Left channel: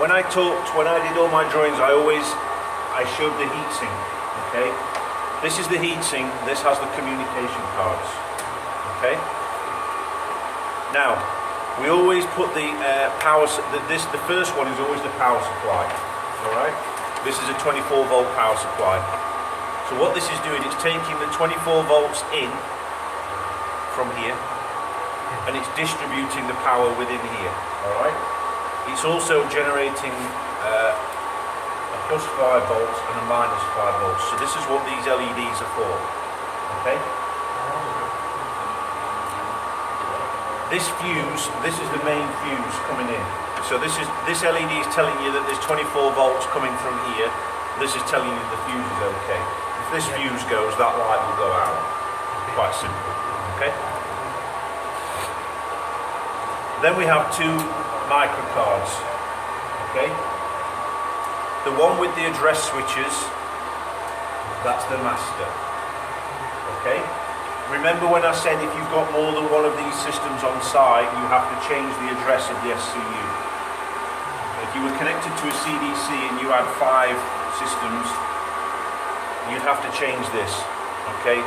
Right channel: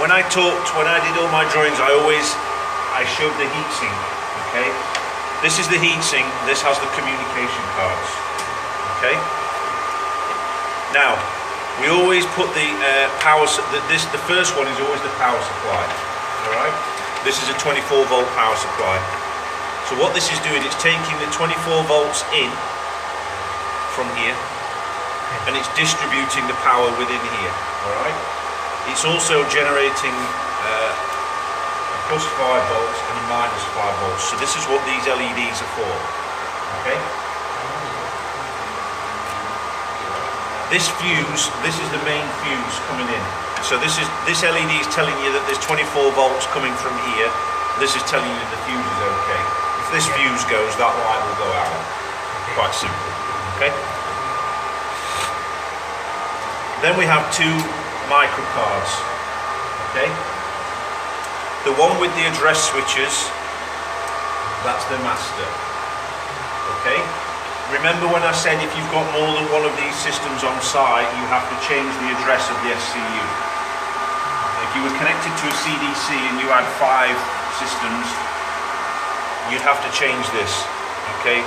when I did all my drawings, I showed the heatsink. Okay, this is the heatsink. This has the communication cards. Okay. Now, we always put the power. The first one is always the power supply. All right. This is a 24-volt power supply. So what this is doing, it's taking the 24 volts in from here, and it's distributing the power within here. All right. It's also generating a plus 5 volts and a minus 5 volts. So this is what these LEDs are for. Okay. This fuse, this is the main fuse coming in. So this LED is telling you that there's 24 volts coming from here. This is telling you the fuse is okay. If this fuse goes, that light will go out. Quite simple. Okay. Then we have two microcards. Okay. The one with the address switches, that's the master. Okay. Remember when I said if you've got more than one of these systems on site, you have to change the address of the SCU. If you were connected to a CDC and you had 5 systems, you'd have to change this. Okay.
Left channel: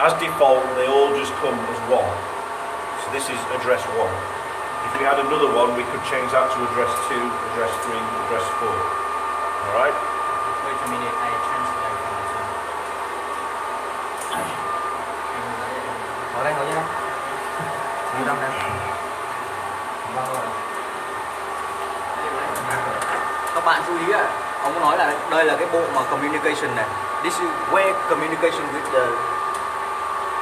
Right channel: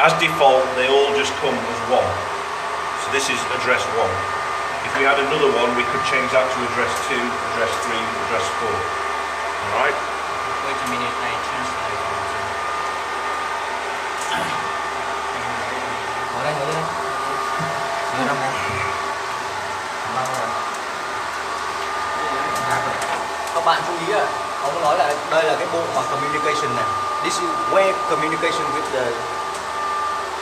As default, they all just come as one. So this is address 1. If we had another one, we could change that to address 2, address 3, address 4. Alright? Wait a minute, I translate. Ở đây ngồi đây. Như đâu đây. Các bạn chú ý ông nói là đây là cái bộ mà communication này. This is where communication with the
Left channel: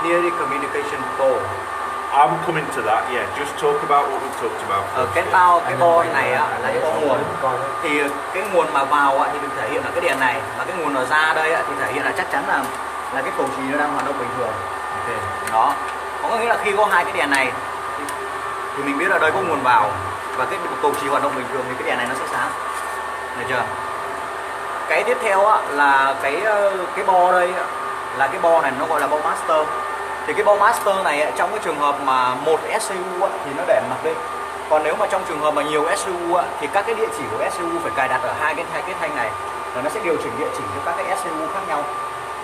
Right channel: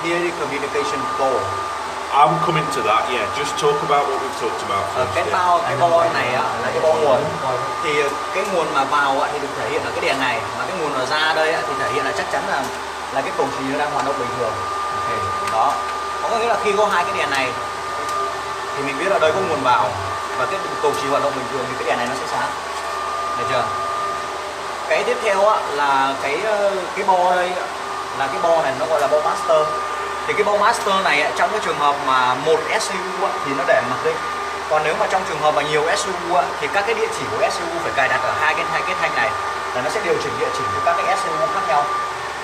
nearly communication core. I'm coming to that, yeah. Just talk about what we've talked about first. Cái bo này là cái bo nguồn. Thì cái nguồn mà vào thì được thể hiện là cái đèn này, mà cái nguồn ở ra đây thì thể hiện là chắc chắn là cái cầu trì nó đang hoạt động bình thường. Okay. Đó. Có nghĩa là khi có hai cái đèn này thì mình biết là đây có nguồn vào và cái cầu trì hoạt động bình thường thì cái đèn này nó sẽ sáng. Được chưa? Cái tiếp theo là cái bo đây là cái bo này nó gọi là bo master. Thì cái bo master này trong cái trường hợp mà một SCU thì nó để mặc định. Còn nếu mà trong trường hợp mà nhiều SCU thì các cái địa chỉ của SCU phải cài đặt ở hai cái thanh này và nó sẽ điều chỉnh địa chỉ của các cái SCU khác nhau.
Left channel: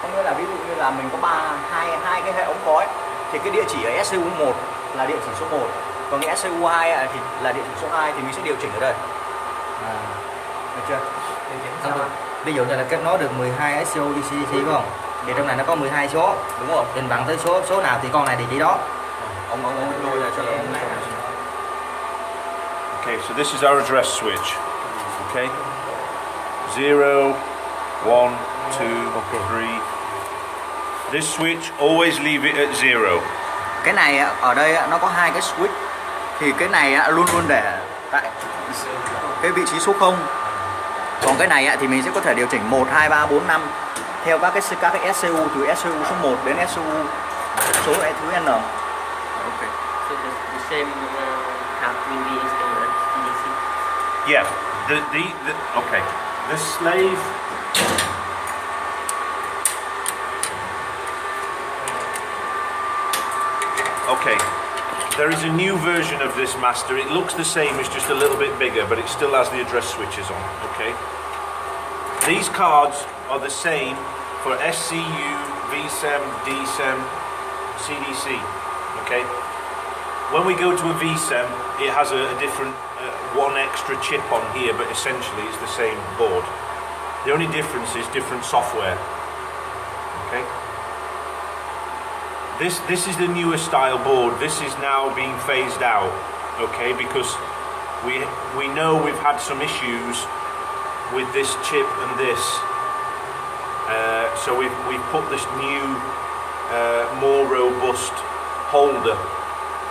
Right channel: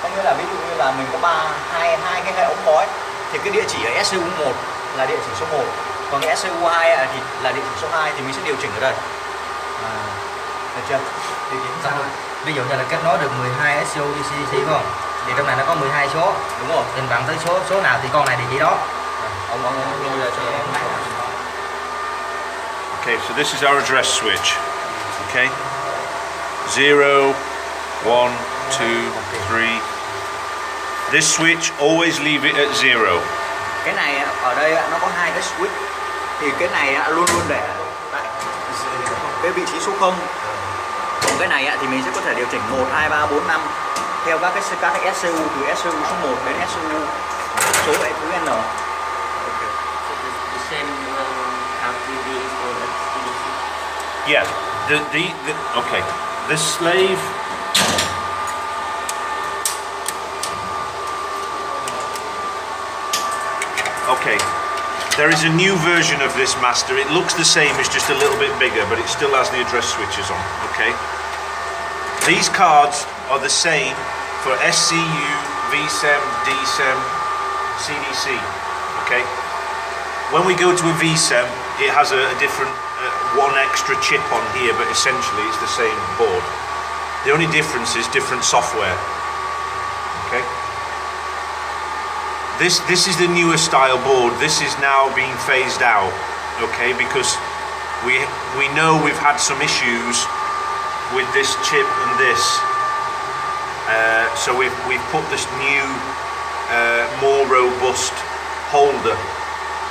Có nghĩa là ví dụ như là mình có hai cái hệ ống khói thì cái địa chỉ ở SCU 1 là địa chỉ số 1, còn cái SCU 2 thì là địa chỉ số 2 thì mình sẽ điều chỉnh ở đây. Được chưa? Điều chỉnh sao? Ví dụ như là kết nối được 12 SCU DC đúng không? Thì trong này nó có 12 số. Đúng rồi. Mình bằng tới số nào thì con này địa chỉ đó. Okay, so this is our address switch. Okay. 0, 1, 2, 3. This switch, always leave it at 0. Cái này ở đây nó có hai cái switch. Thì cái này luôn luôn để tại cái vị trí số 0. Còn cái này thì mình sẽ có thể điều chỉnh 1, 2, 3, 4, 5 theo các cái SCU từ SCU số 1 đến SCU số thứ N. Okay. So the same have to be installed at CDC. Yeah. Okay. This slave. Okay. There is a new version of this master. It looks the same, it's just a little bit bigger, but it still has the address switches on. Okay. These cards are the same for SCU, VSEM, DSEM, CDC. Okay. When we go to a VSEM, it has a different one extra chip on here, but essentially it's the same board. The only difference is different software. Okay. This is the newer style board. This is now being phased out. Okay, because we know we've had some issues with this chip and this. So we've put this new, more robust holder,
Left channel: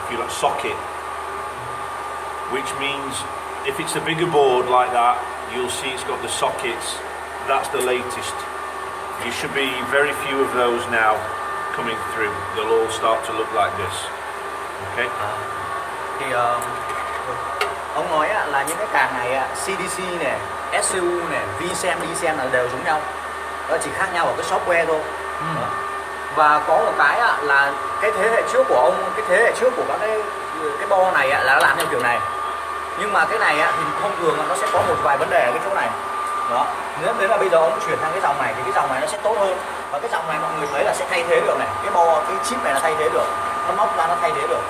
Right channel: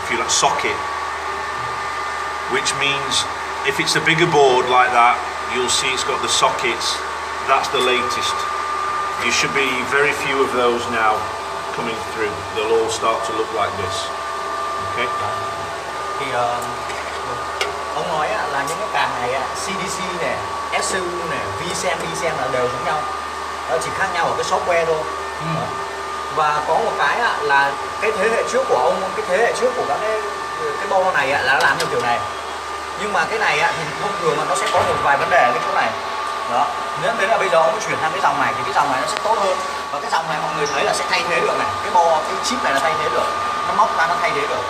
if you like, socket, which means if it's a bigger board like that, you'll see it's got the sockets. That's the latest. You should be very few of those now coming through. They'll all start to look like this. Okay. Thì ông nói là những cái card này CDC này, SCU này, VSEM, DSEM là đều giống nhau. Chỉ khác nhau ở cái software thôi. Và có một cái là cái thế hệ trước của ông, cái thế hệ trước của các cái bo này là nó làm theo kiểu này. Nhưng mà cái này á, thì thông thường nó sẽ có một vài vấn đề ở cái chỗ này. Đó. Nếu đến là bây giờ ông chuyển sang cái dòng này thì cái dòng này nó sẽ tốt hơn. Và cái dòng này mọi người thấy là sẽ thay thế được này. Cái chip này là thay thế được. Nó móc ra nó thay thế được.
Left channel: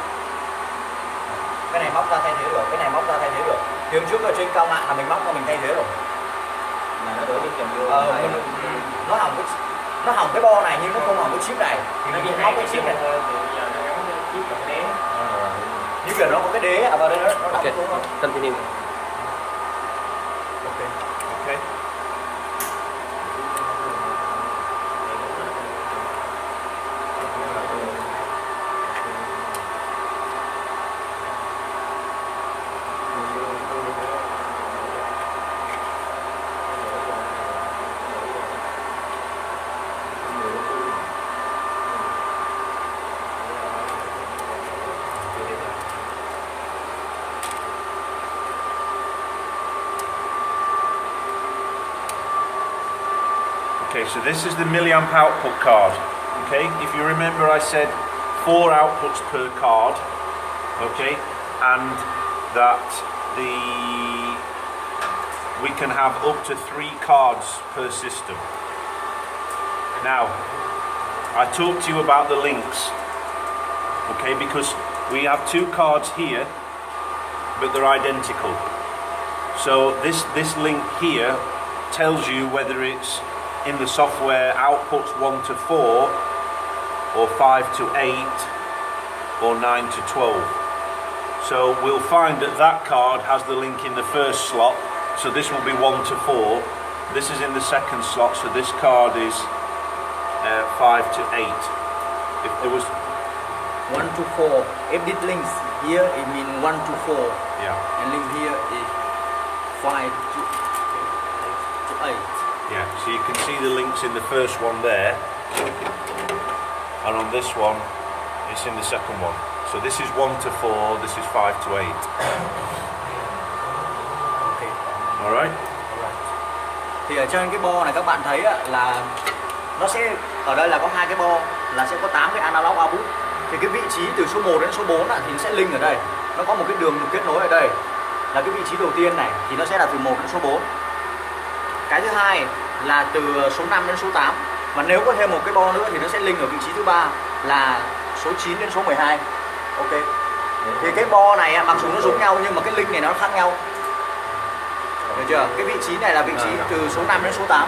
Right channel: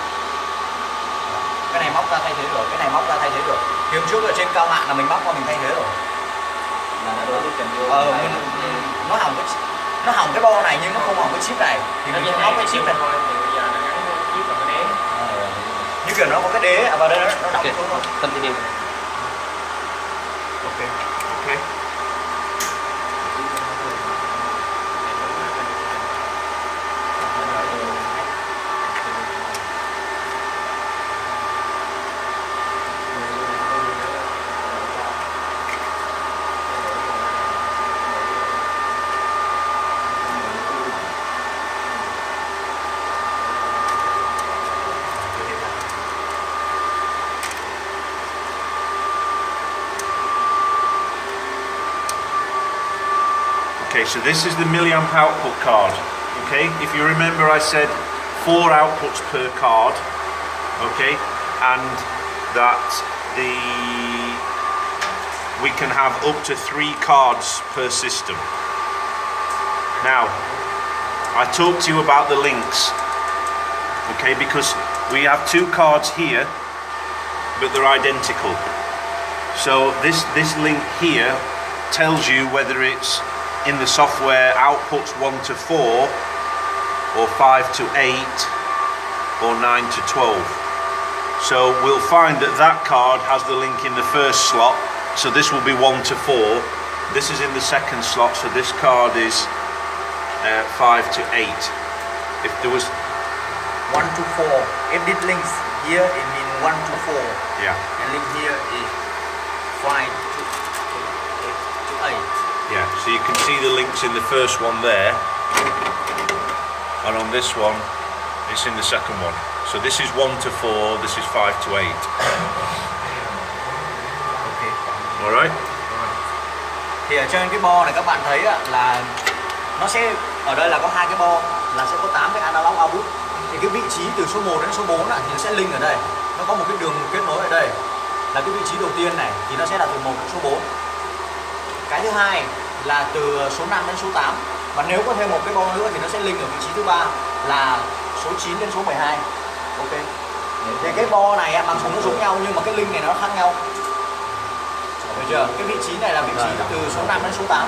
Cái này móc ra thay thế được, cái này móc ra thay thế được. Thì hôm trước ở trên cao mạng là mình móc ra mình thay thế rồi. Mà nó đổ đi cầm vô. Nó hỏng cái bo này nhưng nó không hỏng cái chip này. Thì Nó mình chỉ móc hai cái cái chip chip này. thôi, thì bây giờ nó gắn chip vào cái đế. Như kiểu nó có cái đế vào đây nó đóng Okay, xuống rồi. continue. Okay. Okay. Okay, so this is the milliamp output card. Okay, if you remember, I said 4 outputs per card. Okay, and that we can have up to 3 cards per system. Now, I talked to you about the links. Okay, because we have 2 cards here, but they're identical. So this link here tells you whether it's in the software outputs 1 to 4 or 5 to 8 or 9 to 12. So we'll find that that card has the link in the first slot, so this will be 1 to 4. This is in the second slot, so this card is 5 to 8. If there was 1 to 4. If this links here, it means 1 to 4. yeah. And link here is 5 to 8. Yeah, so you can see the links in the first one there, and on this one, it's in the second one. So this is 1 to 4, this is 5 to 8. Okay. Alright? Thì ở trên cái bo này các bạn thấy là nó sẽ, ở đây là có 2 cái bo, là sẽ có 8 cái analog output. Thì cái vị trí từ số 1 đến số 4 thì nó sẽ link ở đây. Nó có một cái đường kết nối ở đây. Là cái vị trí đầu tiên này thì nó sẽ là từ 1 đến số 4. Cái thứ hai là từ số 5 đến số 8. Và nếu có thêm một cái bo nữa thì nó sẽ link ở vị trí thứ ba là số 9 đến số 12. Ok. Thì cái bo này mặc dù nó giống nhau nhưng mà cái link này nó khác nhau. Được chưa? Cái vị trí này là vị trí từ số 5 đến số 8.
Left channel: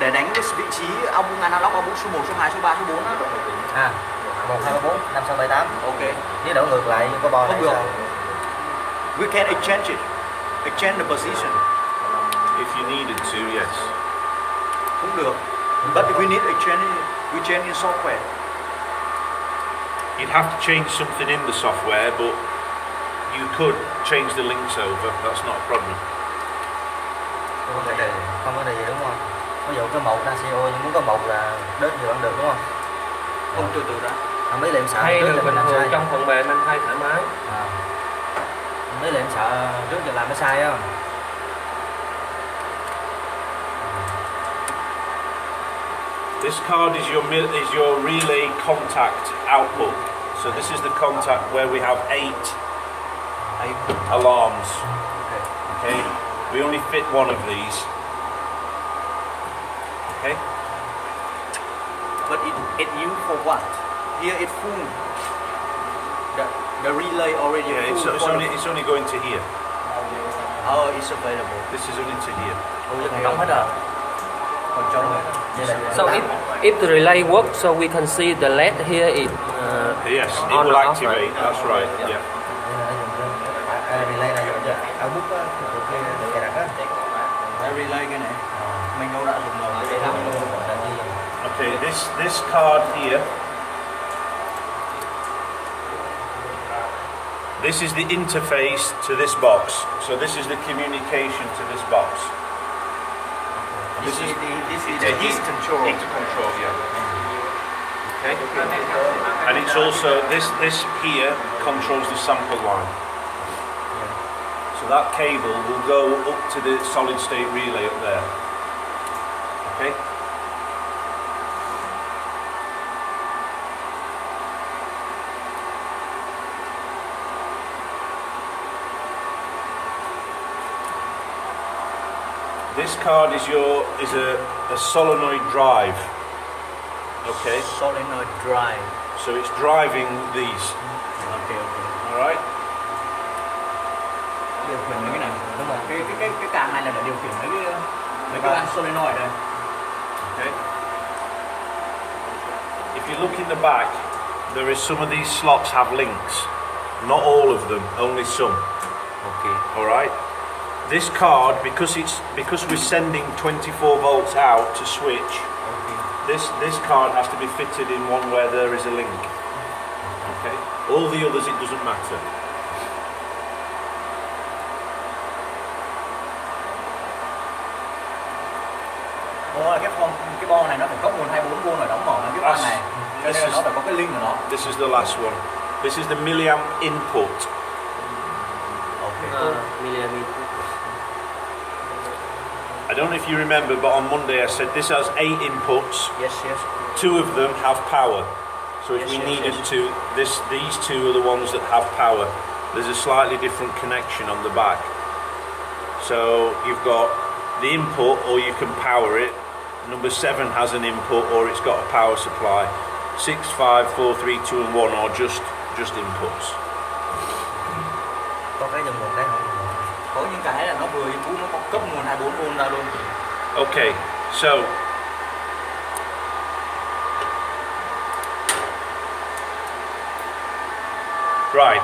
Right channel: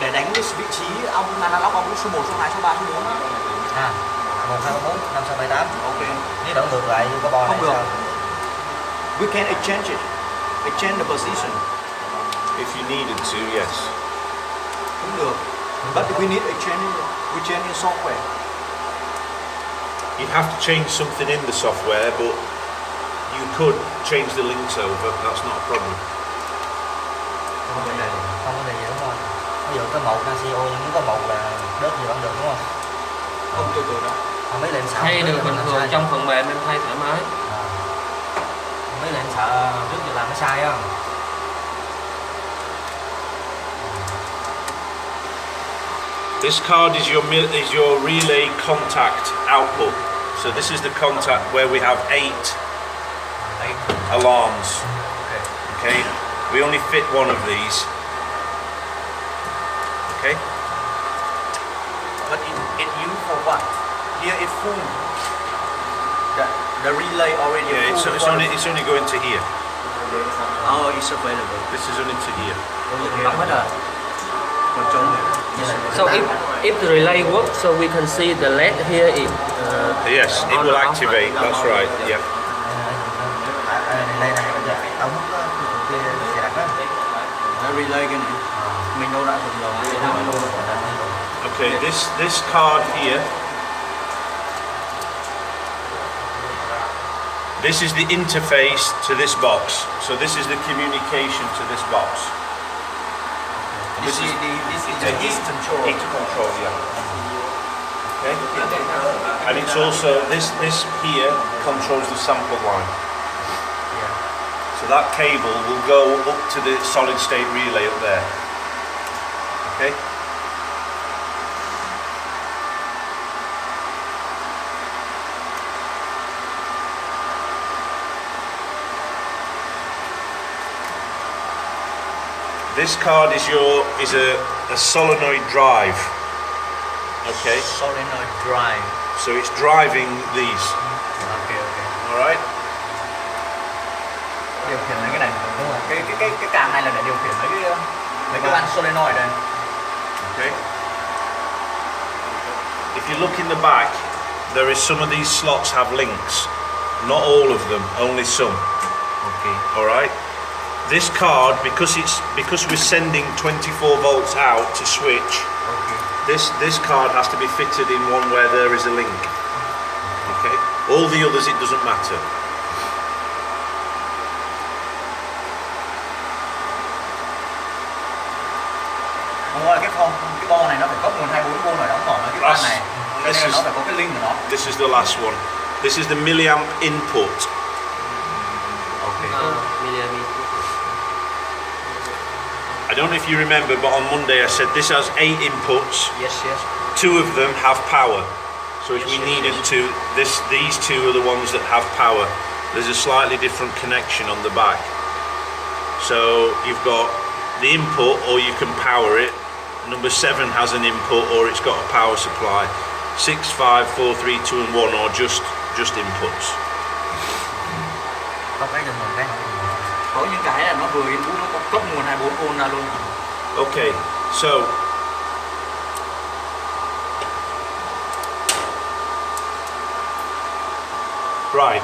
Để đánh cái vị trí ông mà nó lóc ông số 1, số 2, số 3, số 4. 1, 2, 3, 4, 5, 6, 7, 8. Ok. Nếu đổ ngược lại như cái bo này Không được. sao? We can exchange it. Exchange the position. If you needed to, yes. Cũng được. But we need exchange, we change in software. You'd have to change something in the software, but you could change the links over, that's not a problem. Không có gì đúng không? Ví dụ có 1 NaCO nhưng muốn có 1 là đến thì vẫn được đúng không? Không từ từ đó. Mấy lần sợ Thay trước được là bình mình thường sai. trong phần mềm em thay thoải mái. Mấy lần sợ trước giờ làm nó sai không? This card is your relay contact output. So this is the contact where we have 8 alarms. Okay, we only fit 1 of these. Okay. But it used for what? Here it's full. The relay already Yeah, full. it's only going to here. Oh, it's available. This is only to here. Đóng hết rồi. Còn trống này. So if the relay works, so we can see the LED here is Yes, it on will or off. activate. That's right. Yeah. Relay này là ở bút kia cài đặt á. Relay cái này. Mình đâu đã dùng rồi. Okay, this card here. This is the interface to this box. So this is the communication to this box. This is the the heat control. Heat control, yeah. Okay. And it's also this here controls the sample line. So that cable will go up to the solid state relay up there. Okay. This card is a solenoid drive. Okay. Solenoid drive. So it's driving these. Ok. All right. Điều khiển mấy cái này đúng không? Cái càng này là để điều khiển mấy cái van solenoid đây. Okay. If you look in the back, there is some of these slots have links. Not all of them, only some. Ok. All right. This card, because we're sending 24 volts out to switch, this card has to be fitted in one where there is a link. Okay. All the others, it doesn't matter. Đúng rồi, cái bo này nó phải có nguồn 24V rồi đóng mở cái van này. Cho nên là nó phải có cái link của nó. This is the last one. This is the milliamp input. I don't know if you remember, but on Monday I said this has 8 inputs. Yes. 2 of them have power. So if we needed to, these 2 are the ones that have power. There's a slightly different connection on the back. So you've got the input, or you can power it. Number 7 has an input, or it's got a power supply. 6, 5, 4, 3, 2 and 1 are just inputs. Có cái đường nguồn cái không? Có những cái là nó vừa input nó có cấp nguồn 24V ra luôn. Okay, so right.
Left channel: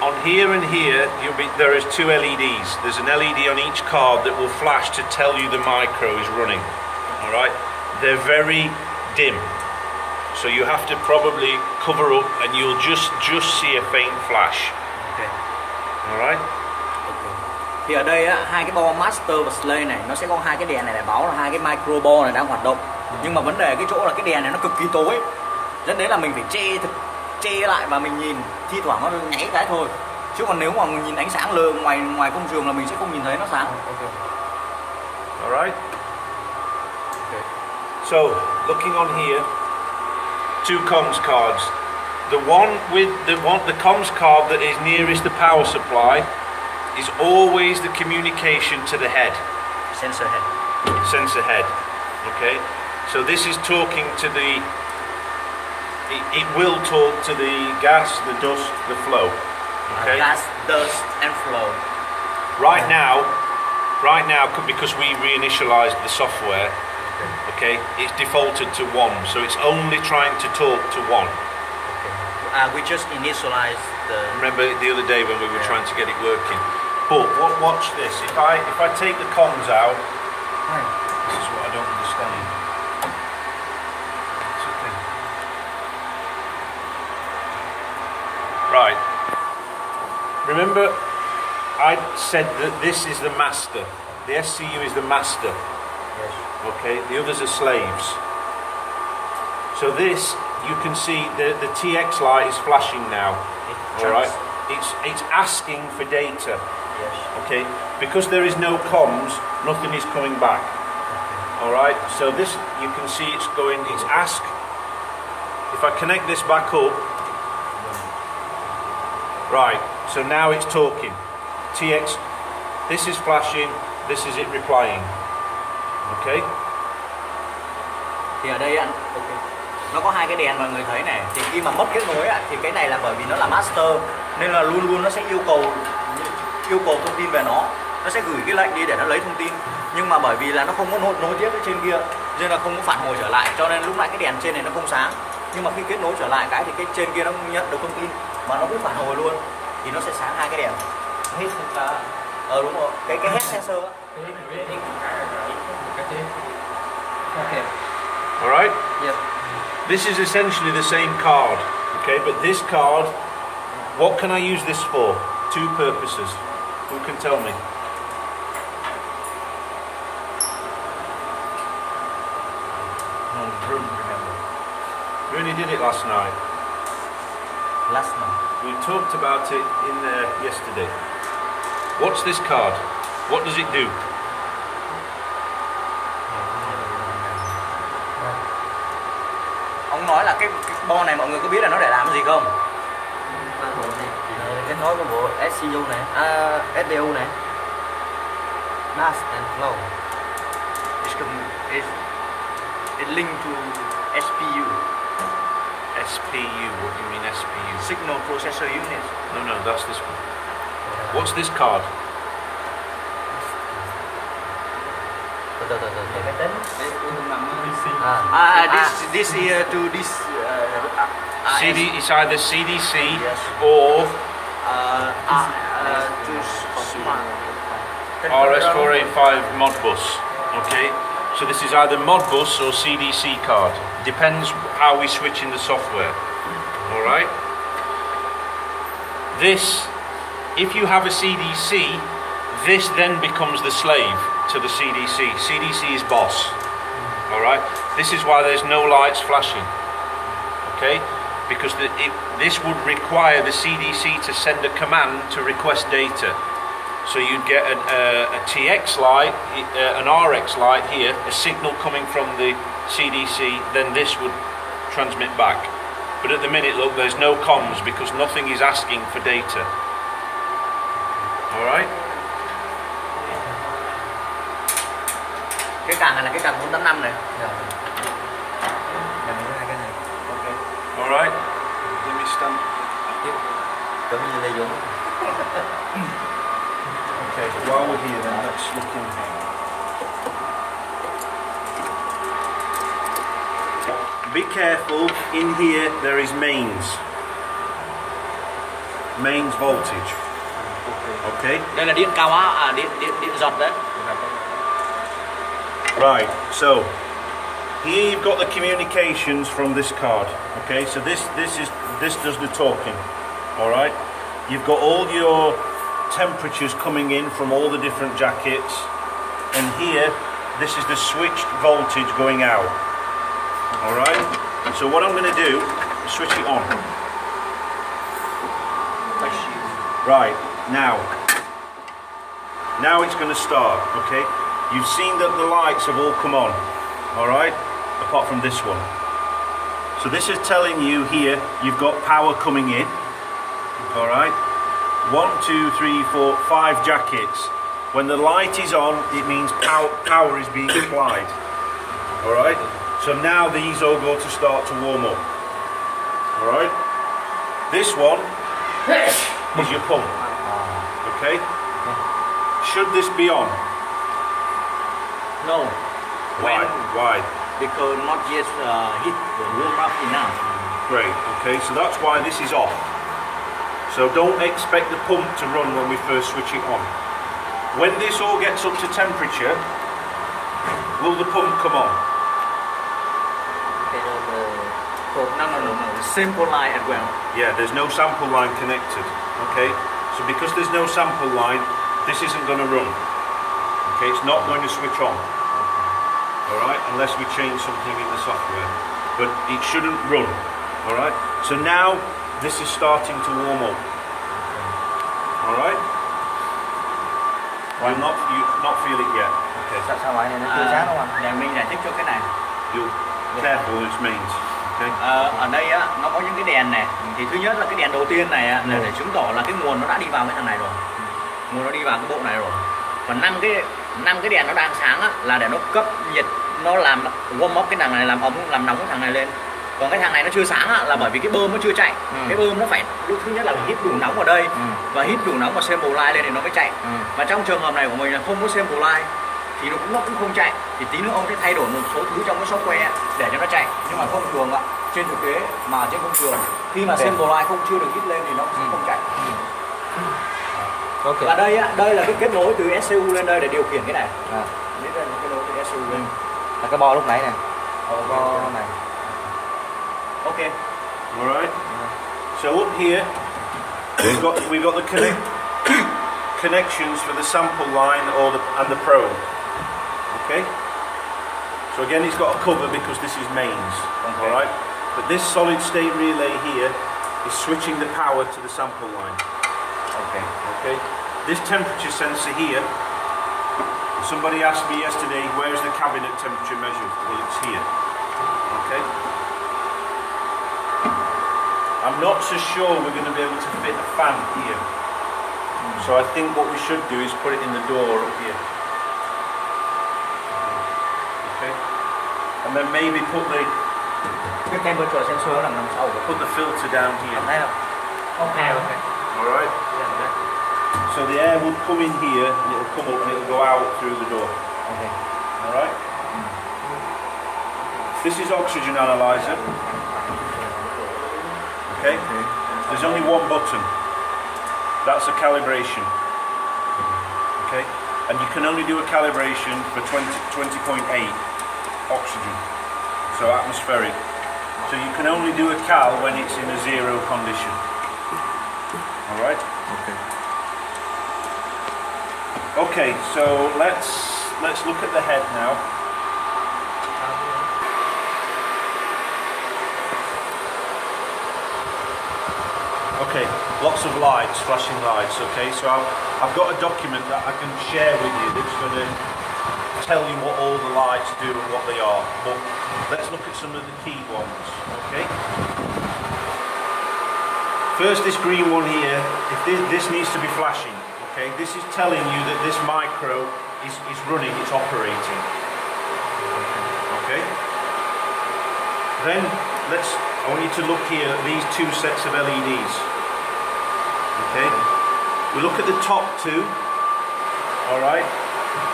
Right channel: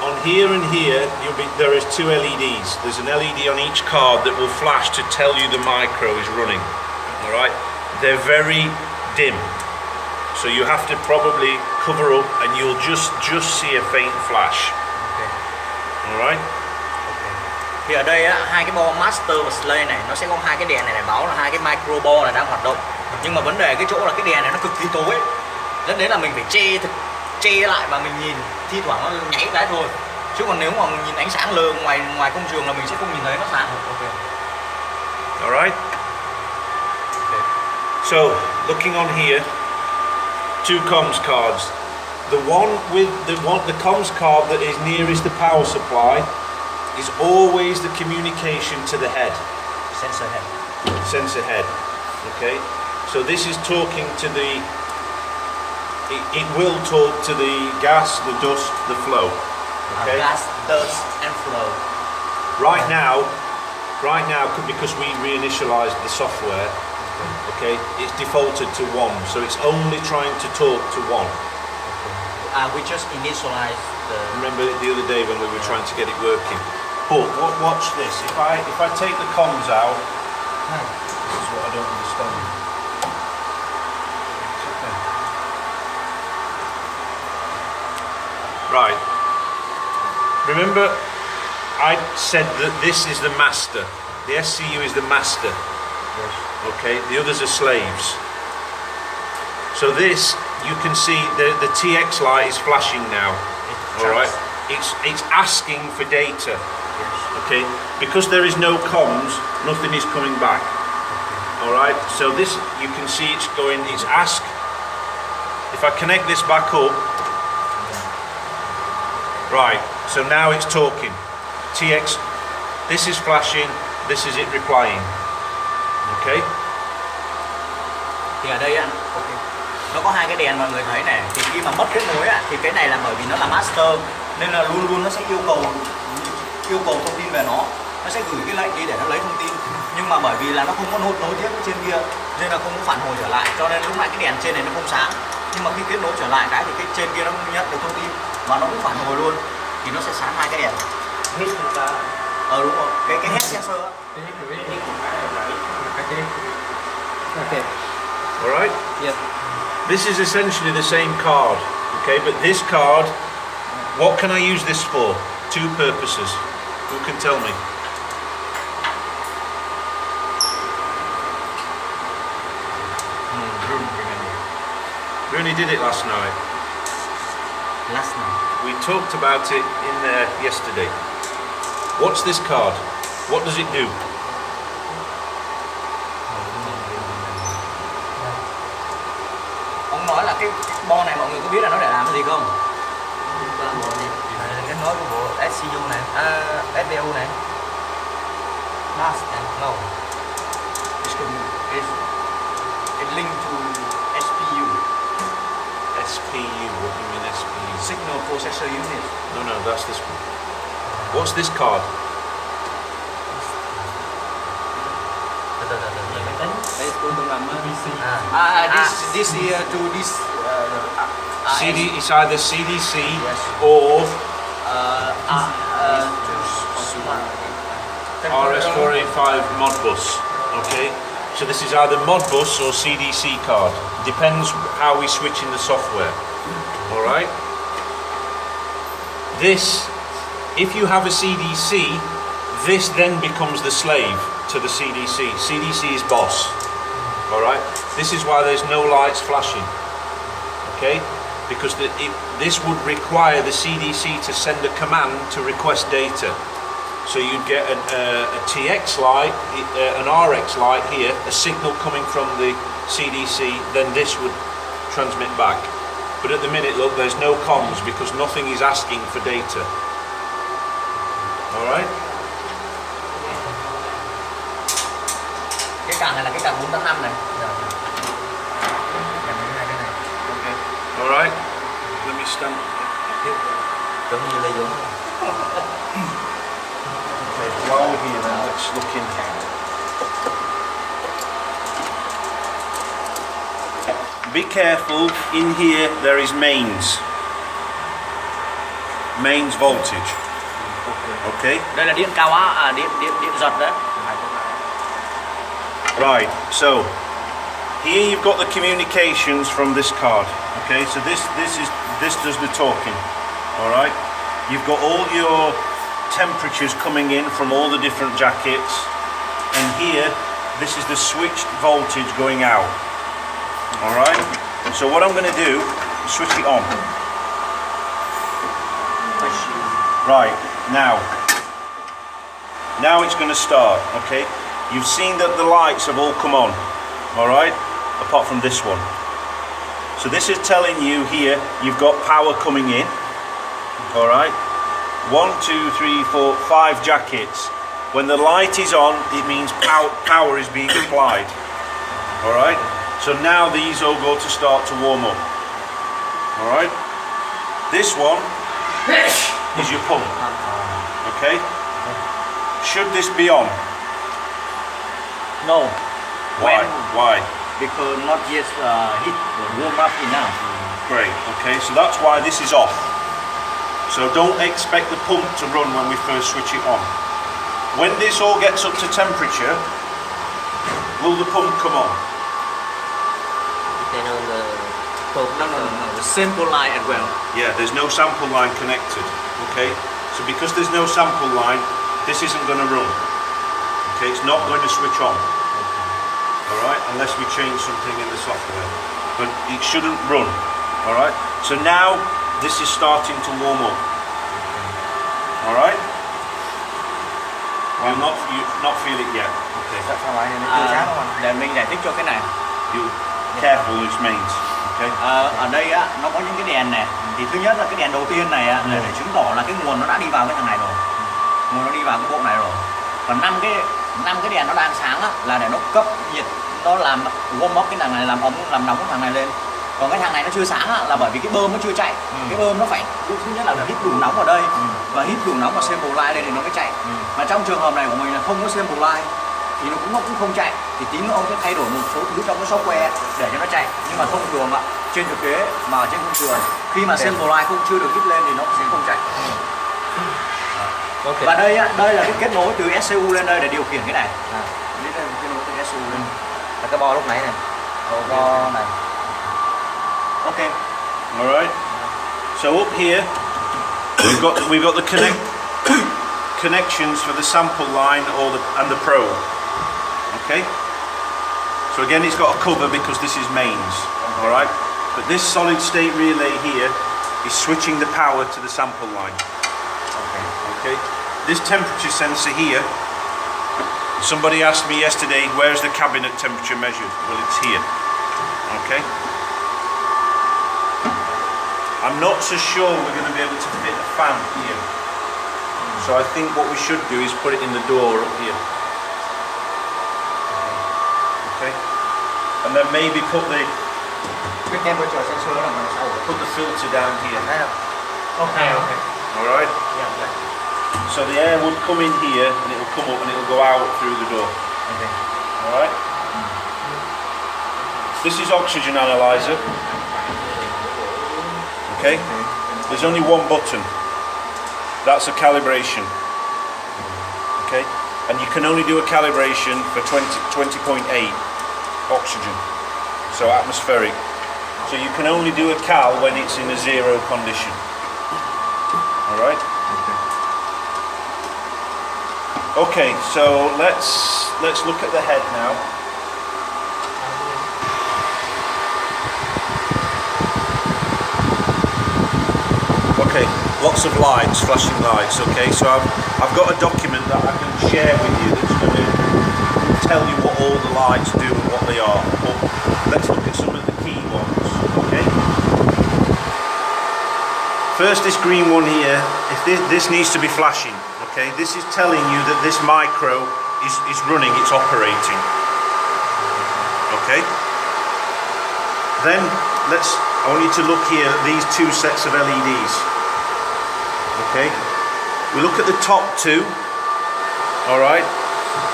On here and here, there is 2 LEDs. There's an LED on each card that will flash to tell you the micro is running. All right, they're very dim, so you have to probably cover up, and you'll just see a faint flash. Okay. All right. Thì ở đây á, hai cái bo master và slave này nó sẽ có hai cái đèn này để báo là hai cái micro bo này đang hoạt động. Nhưng mà vấn đề cái chỗ là cái đèn này nó cực kỳ tối, dẫn đến là mình phải che lại và mình nhìn thi thoảng nó nháy cái thôi. Chứ còn nếu mà mình nhìn ánh sáng lờ ngoài công trường là mình sẽ không nhìn thấy nó sáng. Okay. All right. Okay. So looking on here, 2 comms cards. The one with the comms card that is nearest the power supply is always the communication to the head. Sensor head. Sensor head. Okay. So this is talking to the. It will talk to the gas, the dust, the flow. Okay. Gas, dust, and flow. Right now, because we reinitialized the software, okay, it's defaulted to 1, so it's only trying to talk to 1. We just initialized the. Remember the other day when we were trying to get it working. But watch this. If I take the comms out, this is what I don't understand. It's okay. Right. Remember, I said that this is the master. The SCU is the master. Yes. Okay. The others are slaves. So this, you can see the TX light is flashing now. All right. It's asking for data. Yes. Okay, because there is no comms, nothing is coming back. All right, so this, you can see it's going, it's ask. If I connect this back up, right, so now it's talking. TX, this is flashing, this is it replying. Okay. Thì ở đây anh, okay. Nó có hai cái đèn mọi người thấy này. Thì khi mà mất kết nối thì cái này là bởi vì nó là master, nên là luôn luôn nó sẽ yêu cầu thông tin về nó sẽ gửi cái lệnh đi để nó lấy thông tin, nhưng mà bởi vì là nó không có nối tiếp với trên kia nên là không có phản hồi trở lại, cho nên lúc nãy cái đèn trên này nó không sáng, nhưng mà khi kết nối trở lại cái thì cái trên kia nó không nhận được thông tin mà nó cũng phản hồi luôn thì nó sẽ sáng hai cái đèn. Đúng rồi, cái head sensor á. Okay. All right. Yeah. This is essentially the same card. Okay, but this card, what can I use this for? 2 purposes. Who can tell me? We only did it last night. Last night. We talked about it in there yesterday. What's this card? What does it do? Ông nói là cái bo này mọi người có biết là nó để làm cái gì không? Này là kết nối của bộ SCU này, SBU này. NAS no. It linked to SPU, SPU, what do you mean SPU? Signal Processor Unit. No, that's this one. What's this card? Từ máy tính. Đây cô từng làm PC. This here to this. CD, it's either CDC Yes. or to RS485 Modbus. Okay, so this is either Modbus or CDC card. Depends how we switch in the software. All right. This, if you have a CDC, this then becomes the slave to the CDC. CDC is boss. All right. This is why there's no lights flashing. Okay, because this would require the CDC to send a command to request data. So you'd get a TX light, an RX light here, a signal coming from the CDC, then this would transmit back. But at the minute, look, there's no comms because nothing is asking for data. All right? cái càng này là cái càng 485 này. Cái này. Okay. All right? Let me stand. Giống như là giống. Okay, while we're here then, let's look in. Be careful, in here there is mains. Mains voltage. Okay? Đây là điện cao áp, điện giật đấy. Right, so here you've got the communications from this card. Okay, so this does the talking. Alright? You've got all your temperatures coming in from all the different jackets, and here this is the switched voltage going out. Alright? So what I'm going to do is switch it on. Right, now it's going to start, okay? You've seen that the lights have all come on, alright? Apart from this one. So this is telling you here you've got power coming in, alright? 1, 2, 3, 4, 5 jackets. When the light is on, it means power is being applied, alright? So now these all go to start to warm up, alright? This one is your pump, okay? Should this be on? No. Why? Because not yet heat warm up enough. Great, okay, so that's why this is off. So don't expect the pump to run when we first switch it on. When this all gets up to temperature, will the pump come on? No. The sample line as well. Yeah, there's no sample line connected, okay? So because there's no sample line, this isn't going to run. Okay, it's not going to switch on. Alright, unless we change something in the software. But it shouldn't run. Alright, so now this is starting to warm up. Alright? Well, not feel it yet. Okay. Sao lại nó chưa sáng không anh? Để mình giải thích cho cái này. You careful, it means. Okay. Ở đây á, nó có những cái đèn này. Thì thứ nhất là cái đèn đầu tiên này á, là để chứng tỏ là cái nguồn nó đã đi vào cái thằng này rồi. Nguồn nó đi vào cái bộ này rồi. Còn 5 cái đèn nó đang sáng á, là để nó cấp nhiệt, nó làm warm up cái thằng này, làm ấm, làm nóng cái thằng này lên. Còn cái thằng này nó chưa sáng á, là bởi vì cái bơm nó chưa chạy. Cái bơm nó phải thứ nhất là hít đủ nóng ở đây, và hít đủ nóng và sample line lên thì nó mới chạy. Mà trong trường hợp này của mình là không có sample line thì nó cũng không chạy. Thì tí nữa ông sẽ thay đổi một số thứ trong cái software để cho nó chạy. Nhưng mà thông thường ạ, trên thực tế mà ở trên công trường, khi mà sample line không chưa được hít lên thì nó sẽ không chạy. Okay. Và đây á, đây là cái kết nối từ SCU lên đây để điều khiển cái này. Đây là kết nối từ SCU lên. Là cái bo lúc nãy này. Bo này. Okay. All right. So up here, we've got the connections for the sample line and the probe. Okay. So again, it's got a cover because this is mains. All right. But this solid state relay here is switching the power to the sample line. Okay. This temperature sensor here. Somebody asked me yesterday, where's the cabinet temperature measured? Well, it's here. Okay. I'm not so sure we're going to be able to fit a fan here. So I think what we should do is put it in the door up here. and then maybe put Cái temperature sensor là đằng sau. the filter down here. Thấy không? Okay, okay. All right. Yeah, yeah. So the air will come in here and it will come up and it will go out through the door. Okay. All right. This is oxygen analyzer. Okay. There's only one button. That's a calibration. Okay. And you can only do a calibration for 20.8 oxygen. So atmospheric. So you can only do a cal when it's in a zero condition. All right. Okay, so let's look at the head now. Okay, lots of lights, flashing lights. Okay, so I've got a document that I can share with you that's going to tell you what all the lights do and what they are. But let's look at some of the key ones. Okay. First, this green one here. If this needs to be flashing. Okay, this is telling you that this micro is running, it's operating. Okay. Then I want you to look here at these two sets of LEDs. Okay. We look at the top two. All right.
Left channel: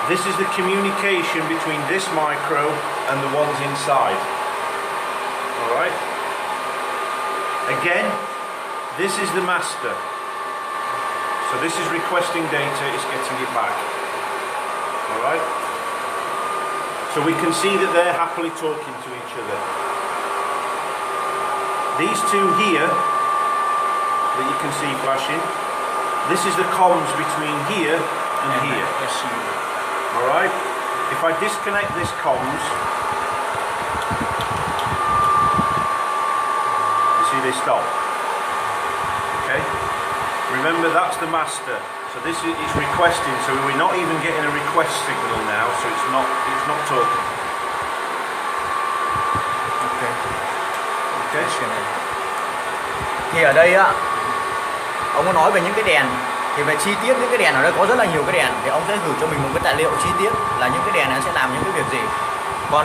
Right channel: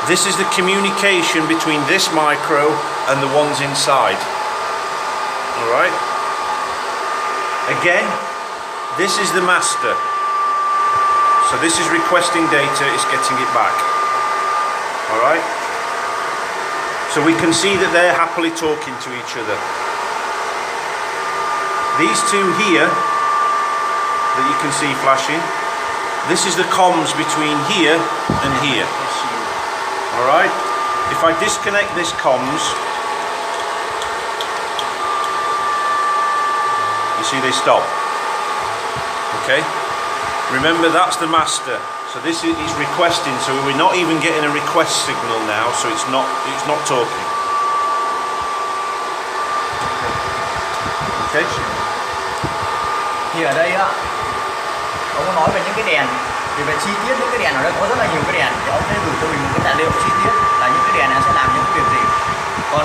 This is the communication between this micro and the ones inside. All right. Again, this is the master. So this is requesting data, it's getting it back. All right. So we can see that they're happily talking to each other. These two here that you can see flashing, this is the comms between here and here. All right. If I disconnect this comms, you see they stop. Okay. Remember, that's the master. So this is requesting. So we're not even getting a request signal now. So it's not talking. Okay. Thì ở đây á, ông ấy nói về những cái đèn. Thì về chi tiết những cái đèn ở đây có rất là nhiều cái đèn. Thì ông sẽ gửi cho mình một cái tài liệu chi tiết là những cái đèn này sẽ làm những cái việc gì. Còn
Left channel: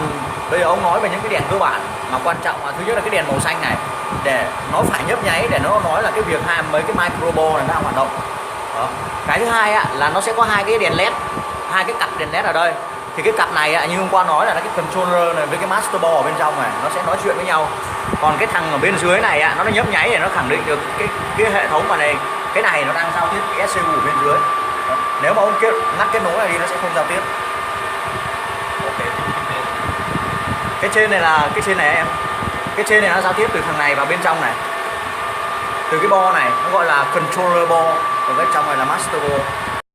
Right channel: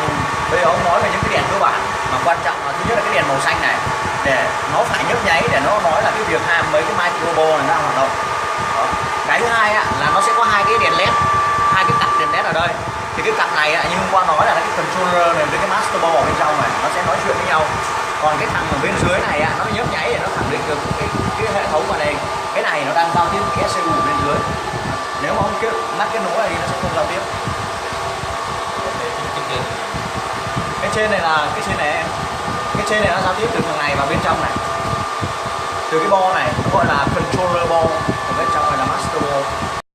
bây giờ ông nói về những cái đèn cơ bản mà quan trọng là thứ nhất là cái đèn màu xanh này, để nó phải nhấp nháy để nó nói là cái việc mấy cái microbo này đang hoạt động. Đó. Cái thứ hai là nó sẽ có hai cái đèn led, hai cái cặp đèn led ở đây. Thì cái cặp này như hôm qua nói là cái controller này với cái master board ở bên trong này nó sẽ nói chuyện với nhau. Còn cái thằng ở bên dưới này nó nhấp nháy để nó khẳng định được cái hệ thống ở đây, cái này nó đang giao tiếp với cái ECU ở bên dưới. Đó. Nếu mà ông ngắt kết nối này thì nó sẽ không giao tiếp. Cái trên này em, cái trên này nó giao tiếp từ thằng này vào bên trong này, từ cái bo này nó gọi là controller bo, ở bên trong này là master bo.